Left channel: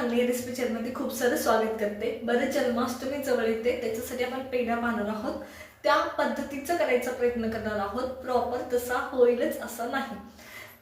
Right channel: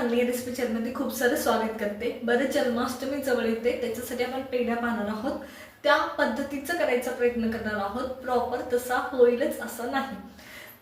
कोमल नांगणे recipe चॅनलमध्ये खूप सारं स्वागत करते. बरं जन्माष्टमी जवळ येते. त्याच्यासाठी आपण पेढा पाहणार आहोत. त्या पद्धतीचं करायचा प्रयत्न करणार आहोत. प्रॉपर तसा होईलच असं नाही.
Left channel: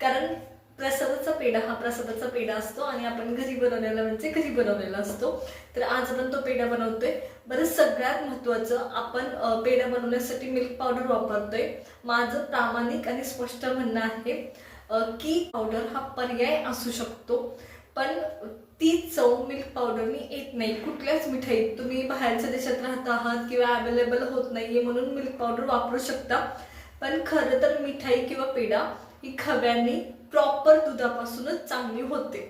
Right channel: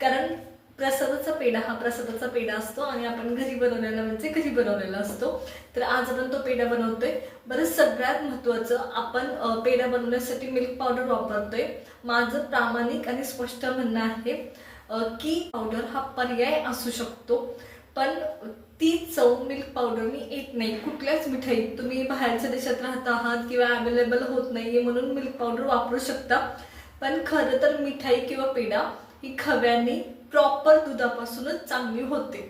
कारण प्रसादाचा पेढा हा प्रसादाचा पेढा असतो आणि आपण घरी बनवलेला म्हणजे घरी बनवलेला असतो. तर आज आपण तो पेढा बनवतोय. बरं सगळ्यात महत्त्वाचं आपण पेढा बनवण्यासाठी मिल्क पावडर वापरतोय. माझं प्रामाणिक आणि स्पष्ट म्हणणं आहे की पावडर हा पर्याय असू शकतो. पण ती चव मिल्क पावडरनी येत नाही. कुठल्याच मिठाईत तुम्ही बाहेरच्या देशात राहत आहात किंवा अवेलेबल होत नाहीये म्हणून मिल्क पावडर वापरू शकता. पण खरं तर मिठाई किंवा पेढा ही खव्याने प्रॉपर दुधापासूनच चांगली होते.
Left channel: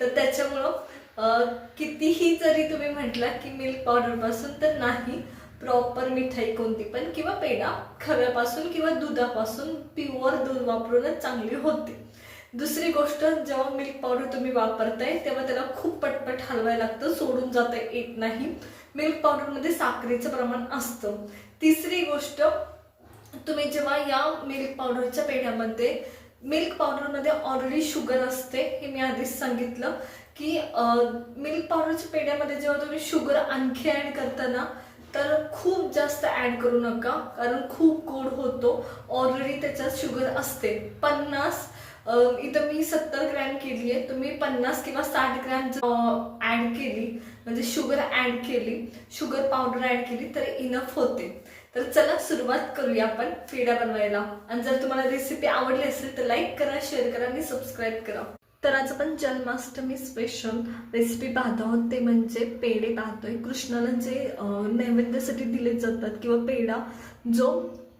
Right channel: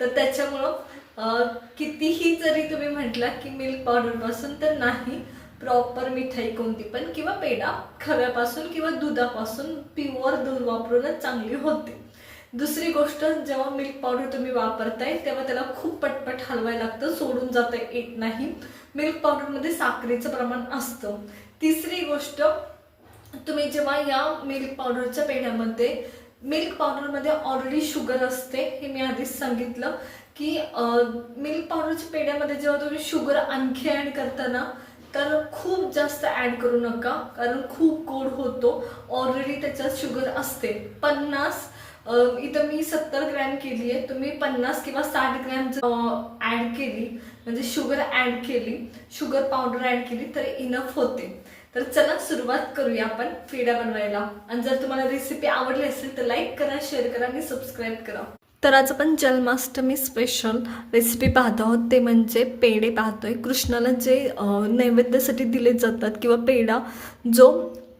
तर त्याच्यामुळं कितीही जरी तुम्ही म्हटला की मिल्क पावडरपासून तर नाही प्रॉपर मिठाई कोणती पण किंवा पेढा खव्यापासून किंवा दुधापासून प्युअर दूध वापरूनच चांगली होते. दुसरी गोष्ट जेव्हा मिल्क पावडर तुम्ही वापरताय तेव्हा त्याला खूप पटपट हलवायला लागतं सोडून जाता येत नाही. मिल्क पावडरमध्ये साखरेचं प्रमाण असतं. तिसरी गोष्ट तुम्ही जेव्हा या मिल्क पावडरच्या पेढ्यामध्ये मिल्क पावडरमध्ये ऑलरेडी शुगर असते हे मी आधीच सांगितलं की मिल्क पावडरच्या पेढ्यामध्ये जेव्हा तुम्ही शुगर आणखी ॲड करताना तर खूप जास्त ॲड करू नका कारण खूप गोड होतो ऑलरेडी त्याच्यात शुगर असते. पन्नास इथं मी सत्तर ग्रॅम केली आहे. तुम्ही पन्नास किंवा साठ ग्रॅम ॲड केली म्हणजे शुगर ॲड केली शुगर पावडर ॲड केली तर इनफ होते. तर चला सुरुवात करूया आपण पेढा बनवायला. आणि जर तुम्हाला रेसिपी आवडली असेल तर लाईक करा शेअर करा आणि सबस्क्राईब करा. तर आज आपण जन्माष्टमी स्पेशल रेसिपी पाहत आहोत. ते म्हणजे पेढे पाहतोय. कृष्णाला जे नैवेद्यासाठी दिले जातात किंवा पेढा जो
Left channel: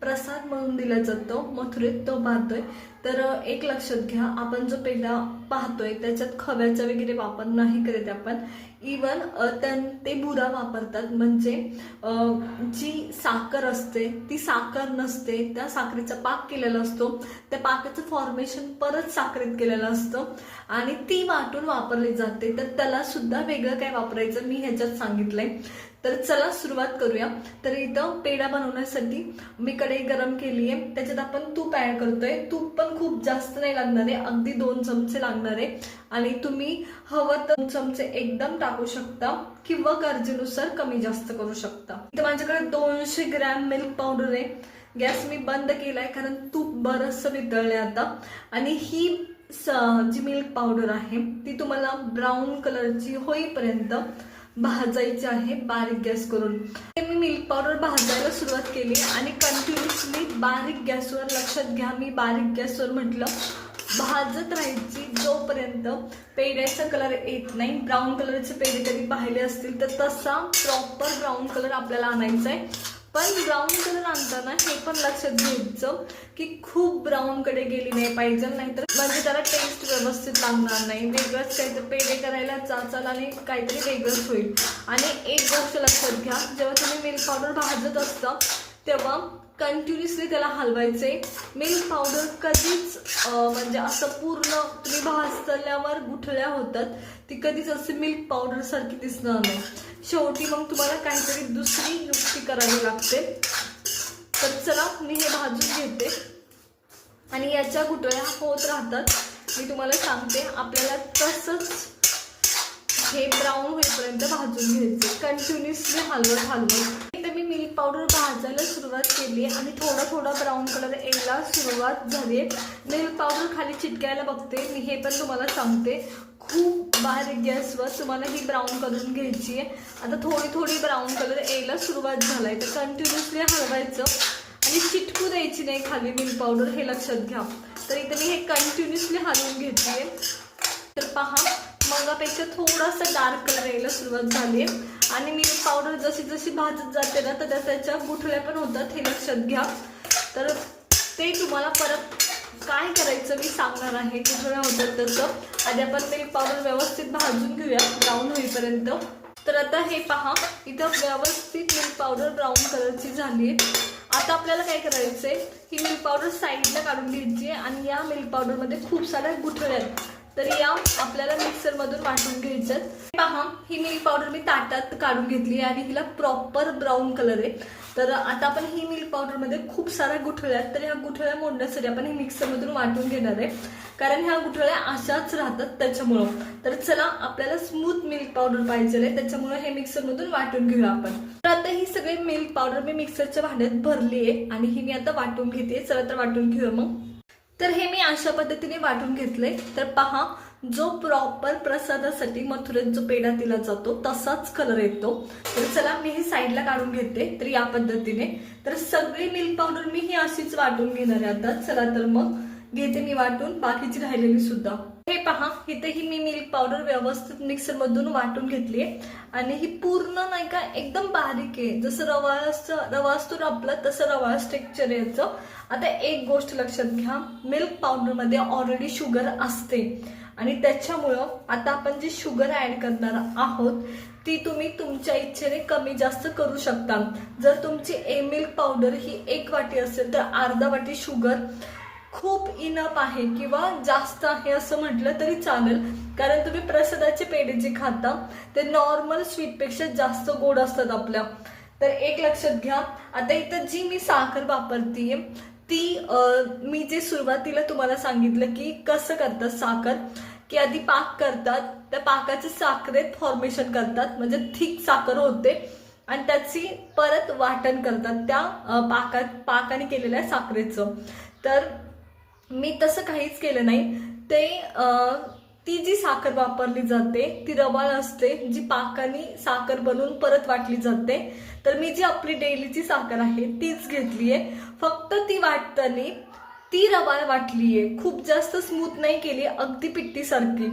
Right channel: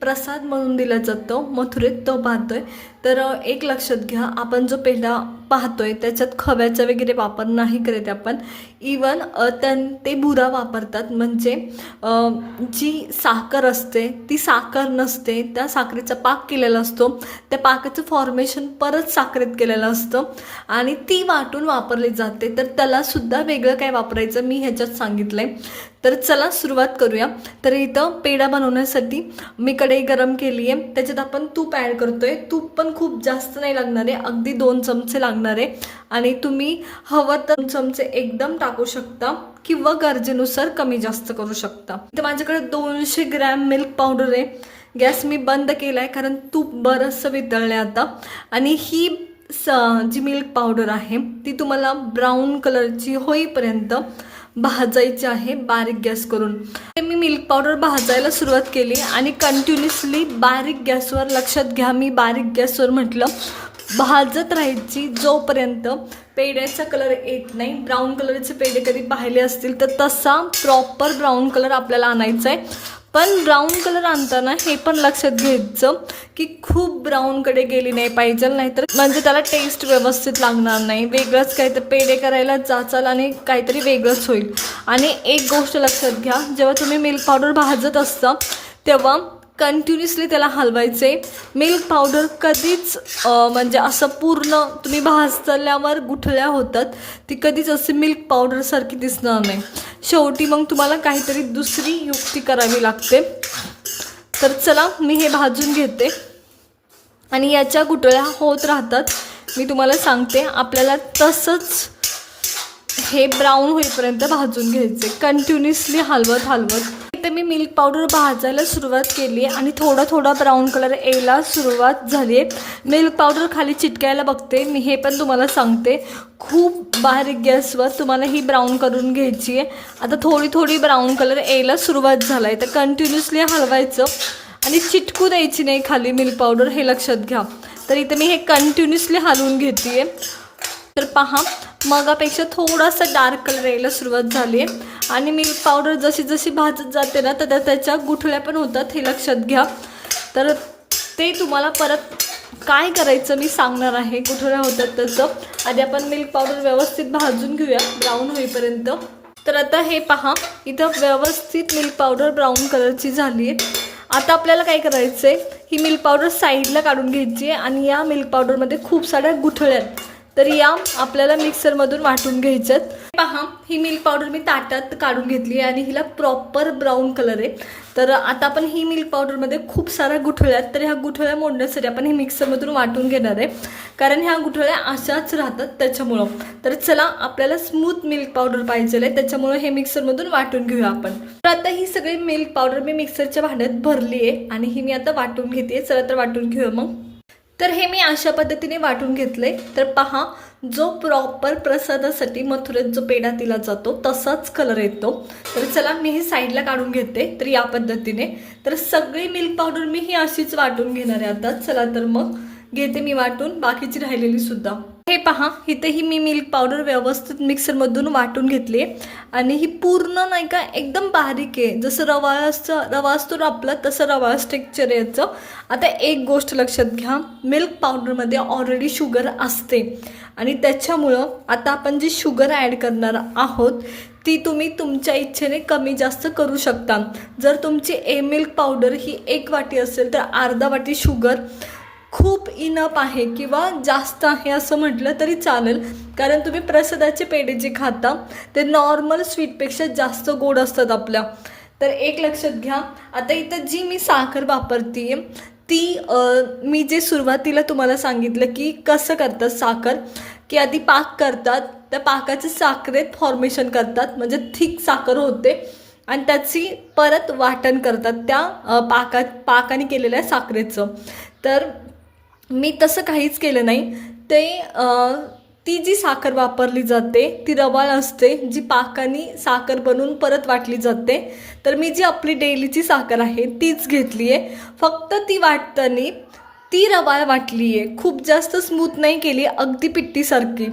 प्रसाद म्हणून दिला जातो मथुरेत तो पाहतोय. तर एक लक्षात घ्या आपण जो पेढा पाहतोय त्याच्यात खव्याचा वगैरे वापर नाही करत आपण. इवन त्यां ते बुरा वापरतात. म्हणजे जी साखर असते ती साखर नसते त्या साखरेचा पाक केलेला असतो. त्या पाकाचं फॉर्मेशन परत साखरेत केलेलं असतं. आणि ती वाटून वापरली जाते. तर त्यालासुद्धा वेगळं काय वापरायचं मी ह्याच्यात सांगितलंय. तर चला सुरुवात करूया. तर इथं पेढा बनवण्यासाठी मी कढई गरम केली आहे. त्याच्यात आपण तूप ॲड करतोय. तूप पण खूप जास्त नाही लागणार आहे. अगदी दोन चमचे लागणार आहे. आणि तुम्ही हवं तर दोन चमचे एकदम टाकू शकता किंवा गरजेनुसार कमी जास्त करू शकता. इथं माझ्याकडे दोनशे ग्रॅम मिल्क पावडर आहे. गॅस मी बंद केला आहे कारण तूप बरंचसं वितळलं आता. आणि ही स जी मिल्क पावडर आहे ती तुम्हाला ब्राऊन कलरची होईपर्यंत भाजायचे आहे बारीक गॅस करून. ते मी मिल्क पावडर भाजायला सुरुवात केली आणि कंटिन्युअसली बारीक गॅसवर लक्षात घ्या मी बारीक गॅसवर म्हटलं भाजत राहायची जोपर्यंत पेढ्याचा कलर येत नाही ब्राऊन कलरचे पेढे कधी पाहिले असतील तर तसा प्रॉपर ब्राऊन कलर आपल्याला आणायचा आहे पण ब्राऊन कलर आणताना हे पण लक्षात घ्यायचं की खूप ब्राऊनकडे गेली नाही पाहिजे नाहीतर म्हणजे त्याला टेस्ट व्यवस्थित लागणार नाही. वेगळंच काहीतरी पेढे करायला जाचाल आणि काहीतरी वेगळंच होईल. आणि एक गोष्ट लक्षात घ्या जेव्हा तुम्ही मिल्क पावडर भाजत असता तेव्हा कंटिन्युअसली त्याला हलवायचे. मिल्क पावडर कधीच म्हणजे असं पूर्ण तुम्ही भाजल्यावर गुठळ्या होतात. ती कधीच असे मिल्क पावडरसारखी दिसणार नाही. शेवटी मग तुम्हाला काहीतरी दुसरी युक्ती करावी लागते. तर चला मी हे भाजून घेते. आणि याच्या गुटळ्या होत राहतात. मी तुम्हाला सांगते आपल्याला तसंच हे ब्राऊन होईपर्यंत भाजून घ्यायचे. कंटिन्युअसली हलवत हलवत. इथे मी मिल्क पावडर भाजायला सुरुवात केली आहे आणि थोडा थोडा ब्राऊन कलर यायला सुरुवात झाली आहे मिल्क पावडर खाली चिटकायला बघते. मी हे पण तुम्हाला सांगते. खूप बारीक गॅसवर तुम्हाला ही ब्राऊन करून घ्यायची आहे आता थोडी थोडी ब्राऊन कलर यायला सुरुवात झाला आहे तर कंटिन्युअसली हलवायचं आणि चिटकू द्यायची नाही खाली मिल्क पावडर हे लक्षात घ्या. तर इथे मी हे कंटिन्युअसली हलवून घेते आहे तर पहा मगापेक्षा थोडासा डार्क कलर यायला सुरुवात झाली आहे आणि मिल्क पावडर जशी जशी भाजत जाते ना तर त्याच्या गुठळ्या पण होतात हे लक्षात घ्या. तर ते तुम्हाला परत काय करायचं मी सांगणार आहे. गुठळ्या होतात त्याचं. आधी आपण मिल्क पावडर व्यवस्थित भाजून घेऊया ब्राऊन होईपर्यंत. तर आता हे पहा इथं व्यवस्थित मिल्क पावडर ब्राऊन कलरची झाली आहे आता आपल्याला काय करायचं आहे ही मिल्क पावडर साईडला काढून घ्यायची आहे आणि या मिल्क पावडरमध्ये खूप साऱ्या गुठळ्या आहेत. तर या आपल्याला मिक्सरमधून वाटून घ्यायच्यात पहा ही मिल्क पावडर मी ताटात काढून घेतली आहे आणि हिला प्रॉपर ब्राऊन कलर आहे. तर आता आपण ही मिल्क पावडरमध्ये खूप साऱ्या गुठळ्या आहेत. तर ह्या गुठळ्या मोडण्यासाठी आपण हे मिक्सरमधून वाटून घेणार आहे. कारण ह्या गुठळ्या अशाच राहतात त्याच्यामुळं. तर चला आपल्याला स्मूथ मिल्क पावडर पाहिजे आहे त्याच्यामुळं हे मिक्सरमधून वाटून घेऊया आपण. तर आता ही सगळी मिल्क पावडर मी मिक्सरच्या भांड्यात भरली आहे आणि ही मी आता वाटून घेते चला तर वाटून घेऊया मग. तर हे मी अशा पद्धतीने वाटून घेतलंय. तर पहा जो प्रॉपर प्रसादासाठी मथुरेत जो पेढा दिला जातो तसाच कलर येतो. तर चला मी हे साईडला काढून घेते तर या पद्धतीने. तर सगळी मिल्क पावडर मी ही अशीच वाटून घेणार आहे आता. चला तर मग घेते मी वाटून. बाकीची राहिलेली सुद्धा. हे पहा इथेही मी मिल्क पावडर व्यवस्थित मिक्सरमधून वाटून घेतली आणि ही पूर्ण नाही का एकदम बारीक आहे. जसं रवा असतं रवा असतो आपला तसं रवा टेक्चर याचं. आता एक गोष्ट लक्षात घ्या मिल्क पावडरमध्ये ऑलरेडी शुगर असते. आणि त्याच्यामुळं आता आपण जी शुगर ॲड करणार आहोत ती तुम्ही तुमच्या इच्छेने कमी जास्त करू शकता. जर तुमची ए मिल्क पावडर ही एक वाटी असेल तर अर्धा वाटी शुगर खूप इनप आहे किंवा जास्त आहे असं म्हटलं तरी चालेल. कारण तुम्ही प्रसादाचे पेढे जे खाता ते नॉर्मल स्वीटपेक्षा जास्त गोड असतात आपल्या. तर एक लक्षात घ्या. आता इथं जी मी साखर वापरते ती मी जे सुरुवातीला तुम्हाला सांगितलं की कसं करतात साखर की आधी पाक करतात त्या पाकाचे साखरेत फॉर्मेशन करतात म्हणजे थिक साखर होते आणि त्याची परत वाटण करतात त्या पाका पाकात पाकाने केलेल्या साखरेचं. तर मी तसं काहीच केलं नाही. ते ती जी साखर वापरली जाते ती रवाळ असते जी पाकाने साखर बनवून परत वाटली जाते तर मी जी आपली डेलीची साखर आहे तीच घेतली आहे फक्त ती वाटताना ती रवाळ वाटली आहे खूप जास्त स्मूथ नाही केली अगदी पिट्टीसारखी.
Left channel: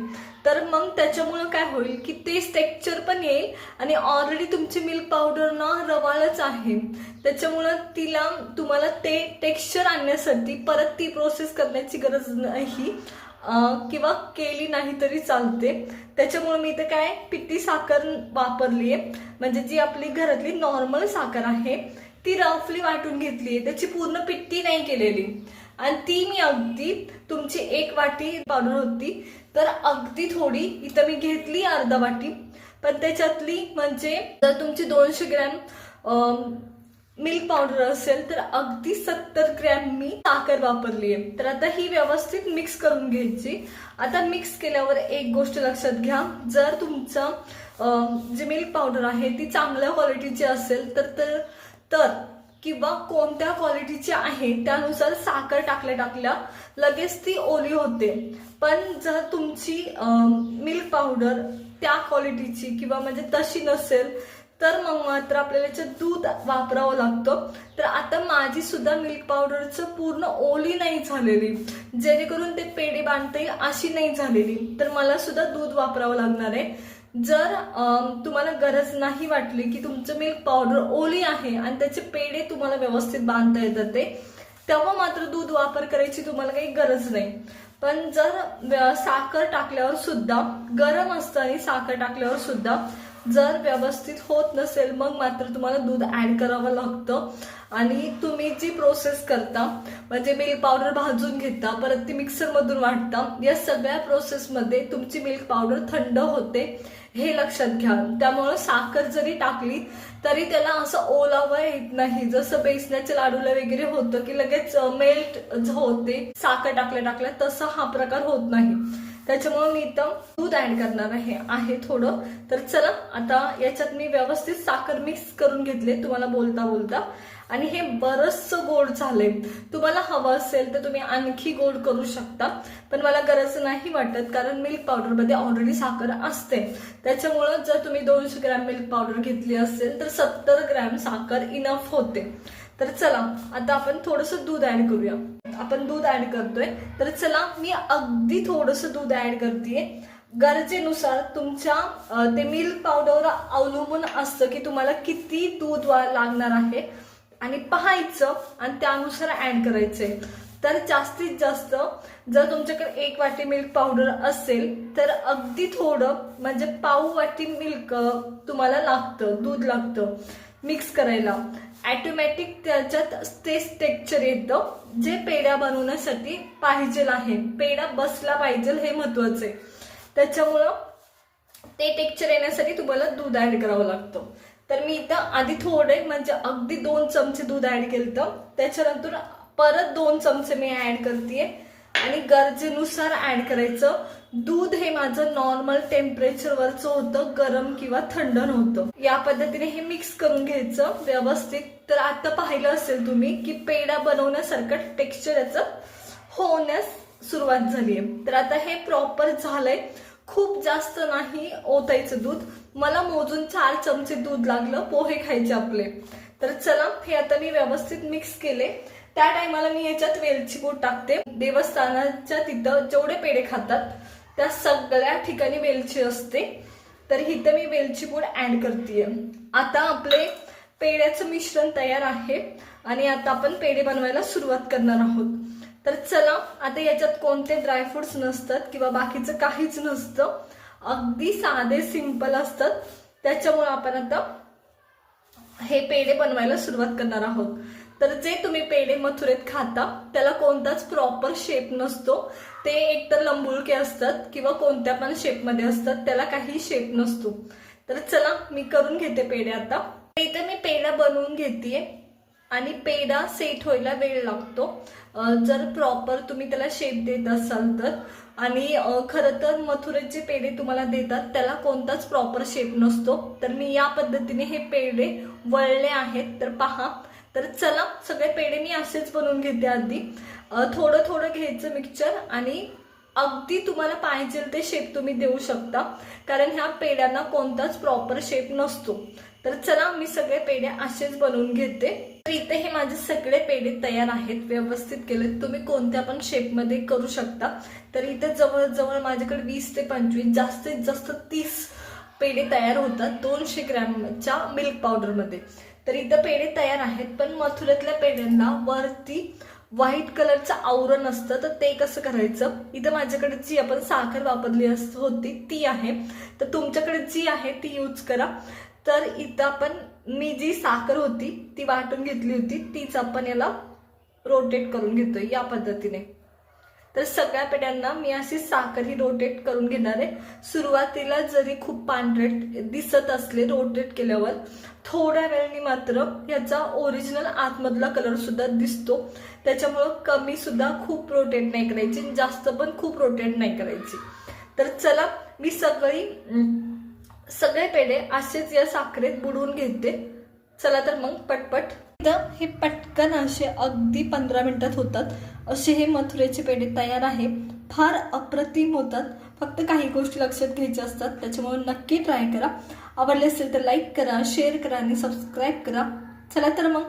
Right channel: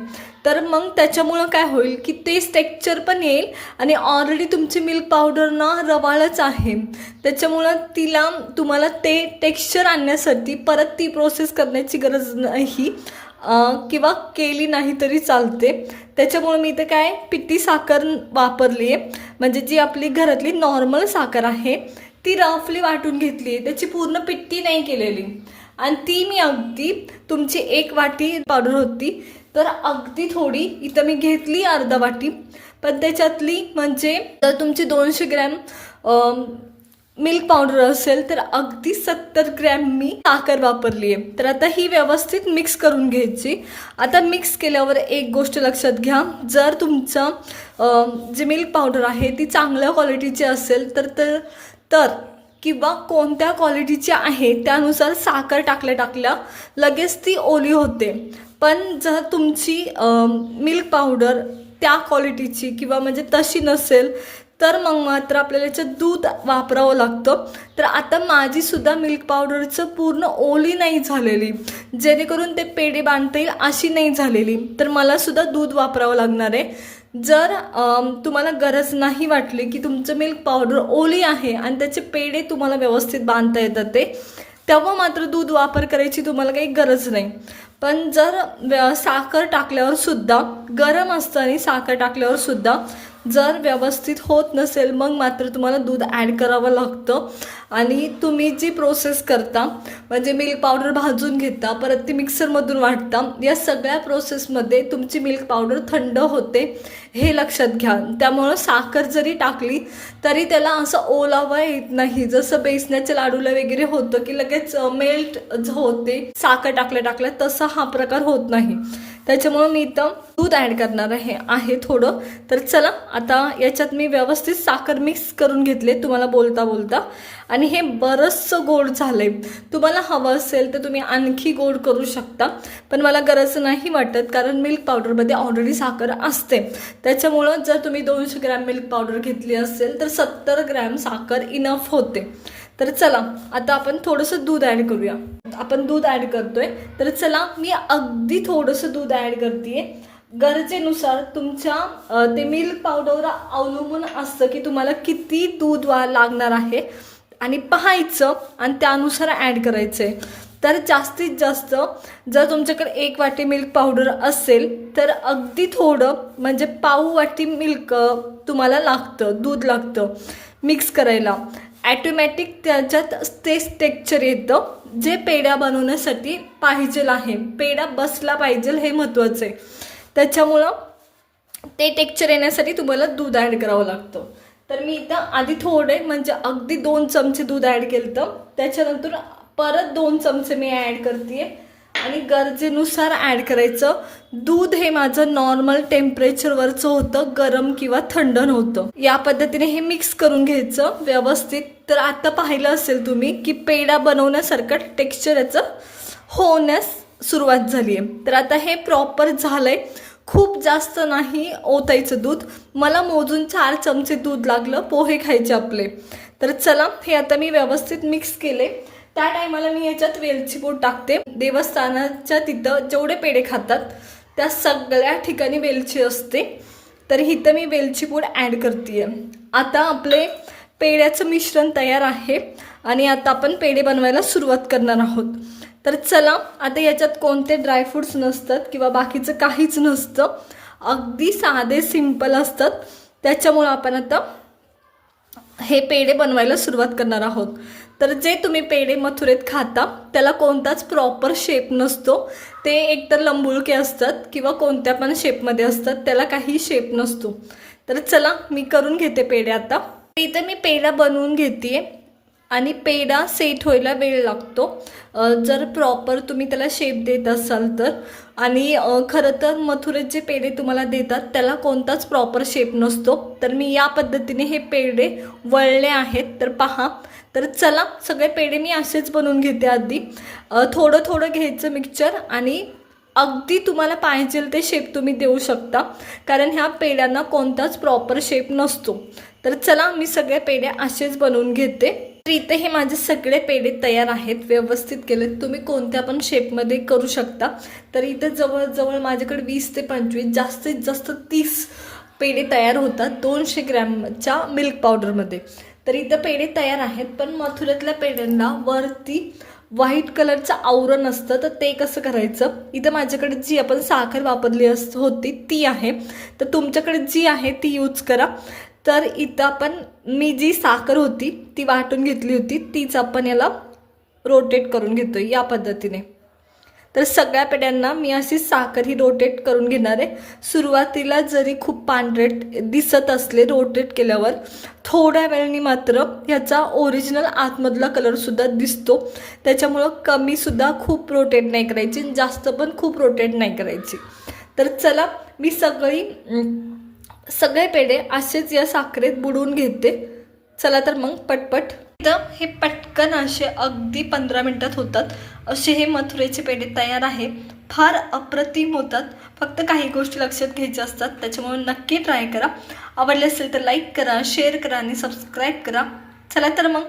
तर मग त्याच्यामुळं काय होईल की तेच टेक्स्चर पण येईल आणि ऑलरेडी तुमची मिल्क पावडर ना रवाळच आहे. त्याच्यामुळं तिला तुम्हाला ते टेक्स्चर आणण्यासाठी परत ती प्रोसेस करण्याची गरज नाही. किंवा केली नाही तरी चालते. त्याच्यामुळे मी इथं काय पिट्टी साखर वापरली आहे म्हणजे जी आपली घरातली नॉर्मल साखर आहे ती रफली वाटून घेतली आहे त्याची पूर्ण पिट्टी नाही केलेली. आणि ती मी अगदी तुमची एक वाटी पावडर होती. तर अगदी थोडी इथं मी घेतली अर्धा वाटी. पण त्याच्यातली म्हणजे जर तुमची दोनशे ग्रॅम मिल्क पावडर असेल तर अगदी सत्तर ग्रॅम मी साखर वापरली आहे. तर आता ही व्यवस्थित मिक्स करून घ्यायची. आता मिक्स केल्यावर एक गोष्ट लक्षात घ्या. जर तुमचं जी मिल्क पावडर आहे ती चांगल्या क्वालिटीची असेल तर तर तर किंवा कोणत्या क्वालिटीची आहे त्यानुसार साखर टाकल्या टाकल्या लगेच ती ओली होते. पण जर तुमची मिल्क पावडर त्या क्वालिटीची किंवा म्हणजे तशी नसेल तर मग मात्र आपल्याला याचं दूध वापरावं लागतं. तर आता माझीसुद्धा मिल्क पावडरचं पूर्ण ओली नाही झालेली. जेणेकरून ते पेढे बांधता येईल अशी नाही झालेली. तर मला सुद्धा दूध वापरावं लागणार आहे. जर तुम्हाला गरज नाही वाटली की तुमचं मिल्क पावडर ओली आहे आणि त्याचे पेढे तुम्हाला व्यवस्थित बांधता येतात ते तेव्हा मात्र दूध वापर करायची तुम्हाला काही गरज नाही. पण जर साखर टाकल्यावर सुद्धा गरम असताना साखर टाकल्यावर सुद्धा जर व्यवस्थित होत नसेल मग मात्र तुम्हाला दूध ॲड करावं लागतं. आणि तुम्ही जी प्रोसेस करता म्हणजे मिल्क पावडर भाजून घेता परत ती मिक्सरमधून वाटता या सगळ्या प्रोसेसमध्ये तुमची मिल्क पावडर थंड होते हे लक्षात घ्या. त्यामुळं साखर जरी टाकली तरी त्याला असं ओलावा येत नाही. जसं बेसण्याच्या लाडूला वगैरे होतं की लगेच मेल्ट होते साखर टाकल्या टाकल्या तसा हा प्रकार होत नाही. त्याच्यामुळं मी इथं दूध ॲड करणार आहे आहे थोडं. तर चला आता याच्यात मी व्यवस्थित साखर मिक्स करून घेतले तुम्हाला बोलता बोलता. आणि हे बरंचसं गोड झालंय. तुम्हाला हवं असेल तर तुम्ही आणखी गोड करू शकता. पण मला गरज नाही वाटत कारण मिल्क पावडरमध्ये ऑलरेडी साखर असते. त्याच्यामुळं जर तुम्ही दोनशे ग्रॅम मिल्क पावडर घेतली असेल तर सत्तर ग्रॅम साखर इनफ होते. तर चला आता आपण थोडंसं दूध ॲड करूया. आपण दूध ॲड करतोय. तर चला मी अगदी थोडंसं दूध ॲड करते गरजेनुसार तुमच्या ते मिल्क पावडरवर अवलंबून असतं की तुम्हाला किती दूध वा लागणार आहे. आणि पाहायचं आणि त्यानुसार ॲड करायचं आहे तर जास्तीत जास्त जर तुमच्याकडे एक वाटी मिल्क पावडर असेल तर अगदी थोडं म्हणजे पाऊ वाटी मिल्क तुम्हाला लागतं दूध लागतं मिक्स करायला. ॲटोमॅटिक त्याच्यात तेच टेक्चर येतं. जे पेढ्या बनवण्यासाठी पाहिजेल आहे. पेढा बसला पाहिजे हे महत्त्वाचं आहे. त्याच्यामुळं ते टेक्चर येण्यासाठी तुम्हाला दूध ॲड करावं लागतं. तर मी इथं आधी थोडे म्हणजे अगदी दोन चमचे दूध ॲड केलं तर त्याच्यानंतर परत दोन चमचे मी ॲड करते आणि गरजेनुसार ॲड करायचं. दूध हे माझं नॉर्मल टेम्परेचरवरचं होतं गरम किंवा थंड नव्हतं. या पद्धतीने हे मिक्स करून घ्यायचं व्यवस्थित. तर आता पाहिलं असेल तुम्ही की पेढा बनवण्यासारखं टेक्स्चर याचं होण्यास सुरुवात झाली आहे तर आता हे प्रॉपर झालंय. खूप जास्त नाही ओतायचं दूध. मला मोजून चार चमचे दूध लागलं पोहे खायचे आपले. तर चला हे आता मी व्यवस्थित मिक्स केले. त्या टायमाला मी याच्यात वेलची पूड टाकते. देवस्थानाच्या तिथं जेवढे पेढे खातात त्या सगळ्या ठिकाणी वेलची असते. तर इथं मी वेलची पूड ॲड करते आता आपले पेढ्याचं मिश्रण तयार आहे आणि आता आपण पेढे बनवायला सुरुवात करणार आहोत. तर चला आता याच्यात कोणते ड्रायफ्रूट्स नसतात किंवा बाकीचं काहीच नसतं अगदी साधे सिंपल असतात. त्याच्यामुळं आपण आता हे पेढे बनवायला सुरुवात करणार आहोत. तर जे तुम्ही पेढे मथुरेत खाता त्याला कोणताच प्रॉपर शेप नसतो. ते एकतर लंबुळके असतात किंवा कोणत्या पण शेपमध्ये असतात त्याला काही शेप नसतो. तर चला मी करून घेते पेढे आता. इथे मी पेढा बनवून घेते आणि पेढा सेट व्हायला वेळ लागतो. जर प्रॉपर तुम्ही त्याला शेप देत असाल तर. आणि खरं तर मथुरेत जे पेढे तुम्हाला देतात. त्याला कोणताच प्रॉपर शेप नसतो. तर मी या पद्धतीने हे पेढे वळले आहेत. तर पहा. तर चला सगळे पेढे मी असेच बनवून घेते आधी. थोडं थोडं घ्यायचं मिक्सचर आणि अगदी तुम्हाला पाहिजे ते शेप तुम्ही देऊ शकता. कारण ह्या पेड्यांना कोणताच प्रॉपर शेप नसतो. तर चला मी सगळे पेढे असेच बनवून घेते. तर इथे हे माझे सगळे पेढे तयार आहेत व्यवस्थित केले तुम्ही कोणत्या पण शेपमध्ये करू शकता. तर इथे जवळजवळ माझ्याकडे वीस ते पंचवीस जास्तीत जास्त तीस पेढे तयार होतात दोनशे ग्रॅमच्या मिल्क पावडरमध्ये तर इथं पेढे तयार आहेत पण मथुऱ्यातल्या पेढ्यांना वरती व्हाईट कलरचं आवरण असतं तर ते कसं करायचं? इथं माझ्याकडे जी आपण साखर वापरली अस होती ती आहे. तर तुमच्याकडे जी आहे ती यूज करा. तर इथं आपण मी जी साखर होती ती वाटून घेतली होती तीच आपण याला रोटेट करून घेतो या पद्धतीने. तर सगळ्या पेट्यांना मी अशी साखर ही रोटेट करून घेणार आहे. सुरुवातीला जरी खूप पांढरेट दिसत असले रोटेट केल्यावर थोड्या वेळाने मात्र ह्याचा ओरिजिनल आतमधला कलरसुद्धा दिसतो. त्याच्यामुळं कमीसुद्धा खूप रोटेट नाही करायची आणि जास्त पण खूप रोटेट नाही करायची. तर चला मी सगळी सगळे पेढे असेच या साखरेत बुडवून घेते. चला तर मग पटपट. इथं हे पटकन असे अगदी पंधरा मिनटात होतात. असे हे मथुरेचे पेढे तयार आहे. फार अप्रतिम होतात. फक्त काही गोष्टी लक्षात घ्यायच्या असतात. त्याच्यामुळे नक्की ट्राय करा. आवडले असेल तर लाईक करा शेअर करा आणि सबस्क्राईब करा. चला तर मग.